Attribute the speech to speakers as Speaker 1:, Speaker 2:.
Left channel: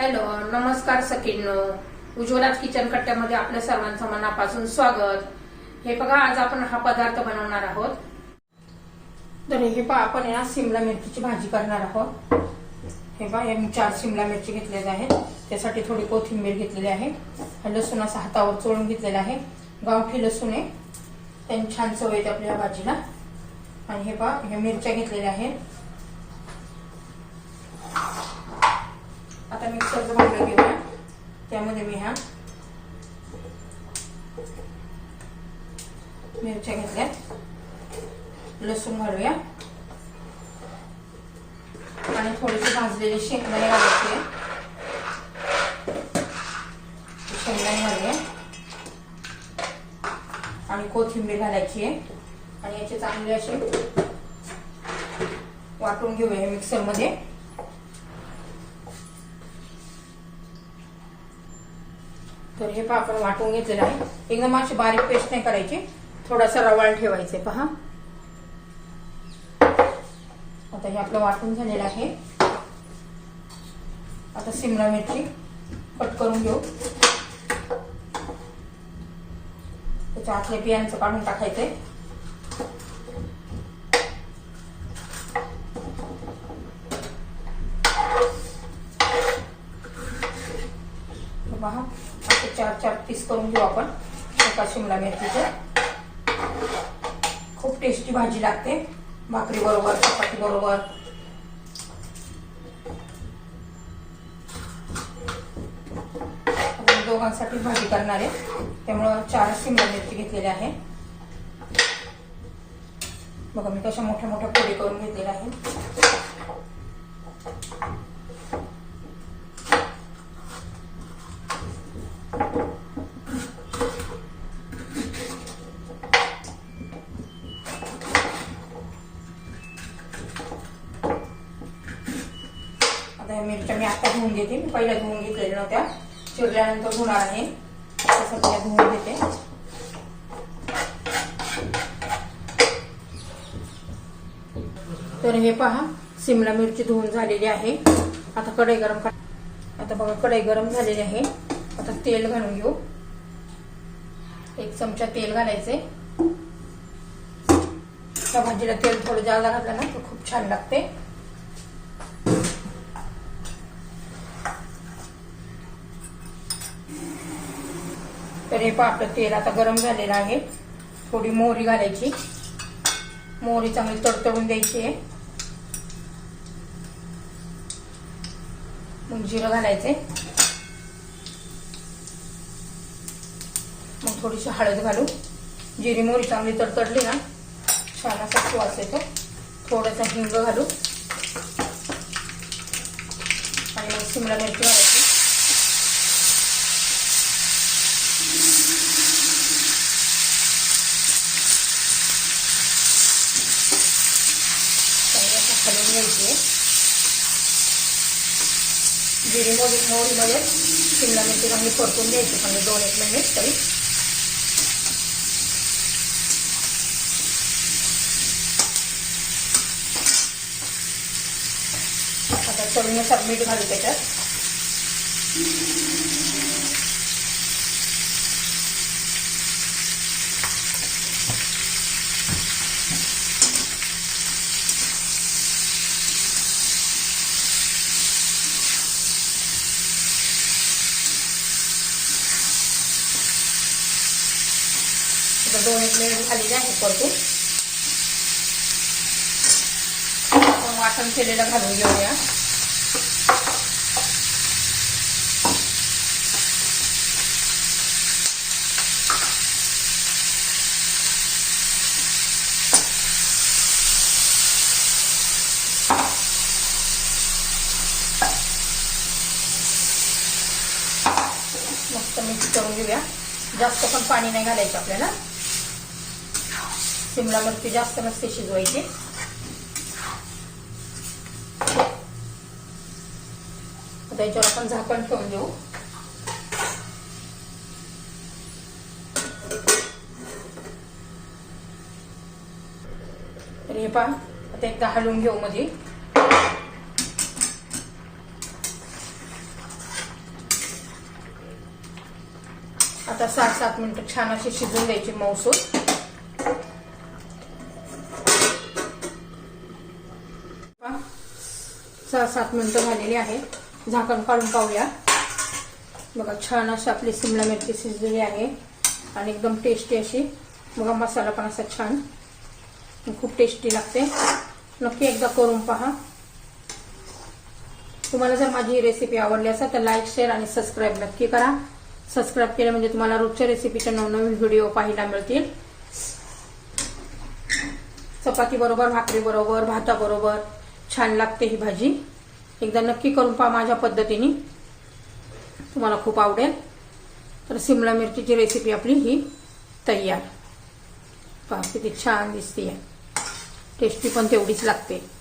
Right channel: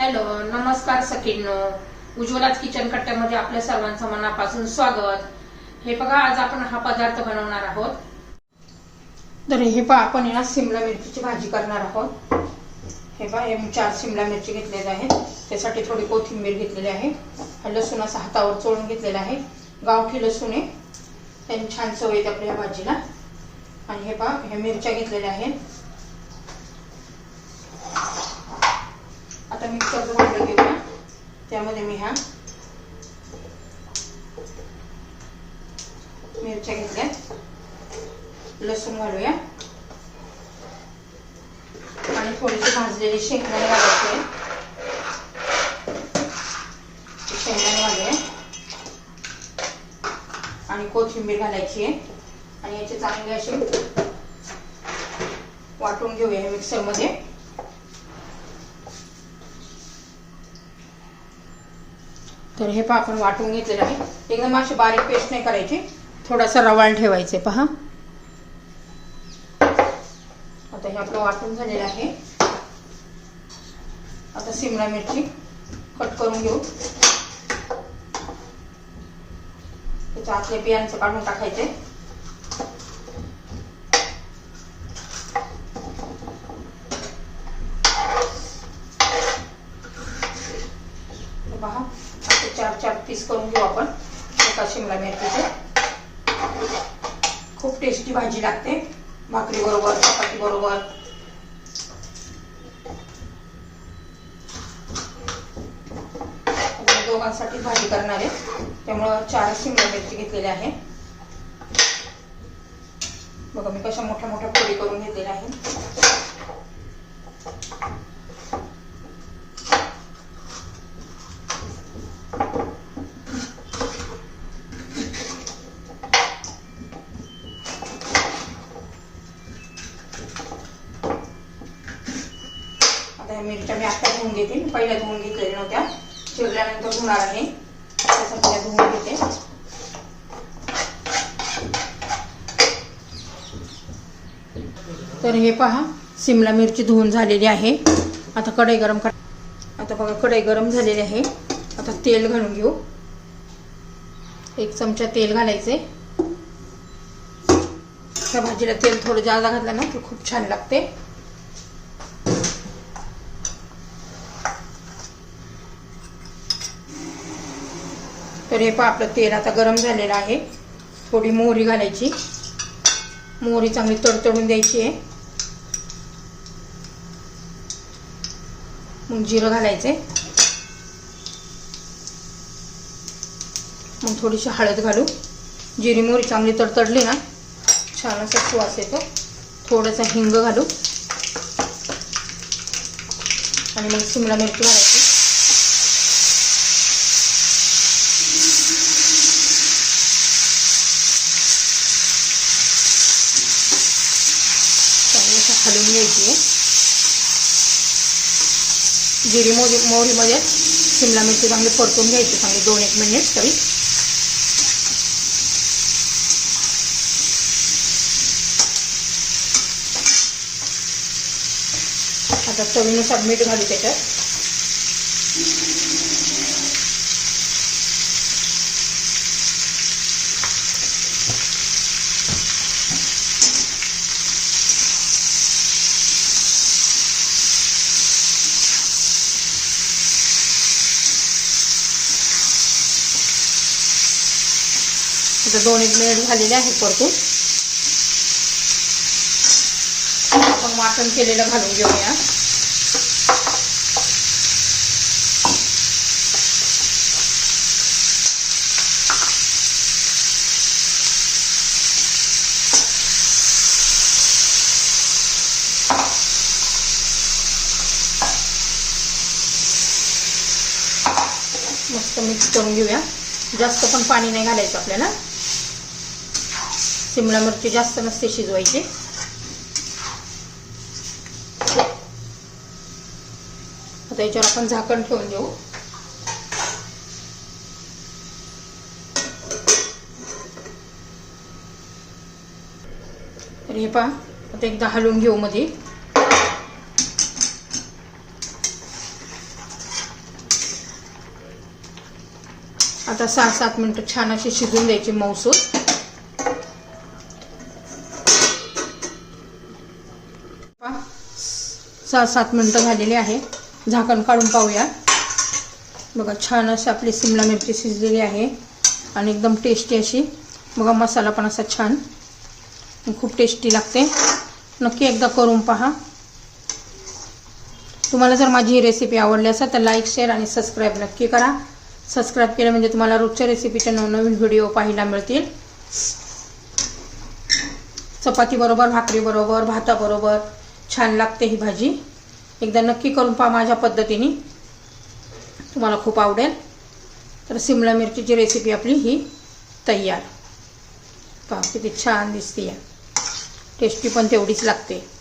Speaker 1: Hello नमस्कार सखींनो. उज्ज्वलाच kitchen कट्ट्यामध्ये आपल्या सर्वांचं मनापासून स्वागत. हे बघा आज आपण हा पदार्थ बनवणार आहोत. तर हे पहा आपण या सिमला मिरचीची भाजी करणार आहोत. हे पहा हे चार सिमला मिरची घेतलेल्या आहेत. त्यासाठी थोडी कोथिंबीर घेतलेली आहे. लसूण असा हातावर चोळून घेतलेला आहे. गावठी लसूण आहे. त्यांनी छान चव येते आपल्या भाजीला. आणि हे पहा हे मिरच्या घेतलेल्या आहेत. आता मिक्सरचं भांडं घेऊया त्यामध्ये मी ह्या मिरच्या घेतल्यात लसूण घालूया आणि थोडीशी भाजलेली शेंगदाणे घालायचे शेंगदाणे घालूया आणि कोथिंबीर घालायची आहे. आणि याचे चांगले असे वाटून घेऊया मिक्सरमध्ये. तर हे पहा आपण वाटून घेतलेलं आहे. एकदम अशी बारीक पेस्ट नाही करायची. थोडासा रवाळ ठेवायचे पहा. आता हे आपलं वाटून झालेलं आहे. आता सिमला मिरची कट करून घेऊ. त्याच्या आतल्या बियांचं काढून टाकायचे हे पहा असे चार चार पीस करून घेऊ आपण. एका शिमला मिरचीचे खूप टेस्टी भाजी लागते. भाकरी बरोबर चपाती बरोबर. दोघांसाठी भाजी करणार आहे. त्यामुळं चार शिमला मिरची घेतलेली आहे. बघा मी कशा मोठ्या मोठ्या पोळी करून घेतलेल्या आहेत. मिरच्या मी आता धुवून घेते. मी पहिल्या धुवून घेतलेल्या नव्हत्या. चिरल्यानंतर धुणार आहे. त्यासाठी मी धुवून घेते. तर हे पहा सिमला मिरची धुवून झालेली आहे. आता कढई गरम कर. आता बघा कढई गरम झालेली आहे. आता तेल घालून घेऊ. एक चमचा तेल घालायचे. त्या भाजीला तेल थोडं जादा घातलं ना तर खूप छान लागते. तर हे पहा आपलं तेल आता गरम झालेलं आहे. थोडी मोहरी घालायची. मोहरी चांगली तडतडून द्यायची आहे. मग जिरं घालायचे मग थोडीशी हळद घालू. जिरी मोहरी चांगली तडतडली ना छान असा सुवास येतो. थोडासा हिंग घालू. आणि मग शिमला मिरची घालायची. चांगलं खालून घ्यायची. जिरी मोरी मोहरीमध्ये शिमला मिरची चांगली परतून घ्यायची चांगली दोन एक मिनिट तरी. आता चवीनुसार मीठ घालू त्याच्यात. आता दोन एक मिनिट झालेले आहे परतून आपण वाटण केलेलं घालून घेऊया. मस्त मिक्स करून घेऊया. जास्त पण पाणी नाही घालायचं आपल्याला. शिमला मिरची जास्त नसते शिजवायची. त्याच्यावर आपण झाकण ठेवून देऊ. तर हे पहा आता एकदा हलवून घेऊ मध्ये आता सहा सात मिनटं छान अशी शिजून द्यायची मौसूद सहा सात मिनटं झालेली आहे. झाकण काढून पाहूया. बघा छान अशी आपली सिमला मिरची शिजलेली आहे आणि एकदम टेस्टी अशी. बघा मसाला पण असा छान. खूप टेस्टी लागते. नक्की एकदा करून पहा. तुम्हाला जर माझी ही रेसिपी आवडली असेल तर लाईक शेअर आणि सबस्क्राईब नक्की करा. सबस्क्राईब केलं म्हणजे तुम्हाला रोजच्या रेसिपीचे नवनवीन व्हिडिओ पाहायला मिळतील. चपाती बरोबर भाकरी बरोबर भाताबरोबर. छान लागते ही भाजी. एकदा नक्की करून पहा माझ्या पद्धतीने. तुम्हाला खूप आवडेल. तर सिमला मिरचीची रेसिपी आपली ही तयार. पहा किती छान दिसते टेस्टी पण तेवढीच लागते.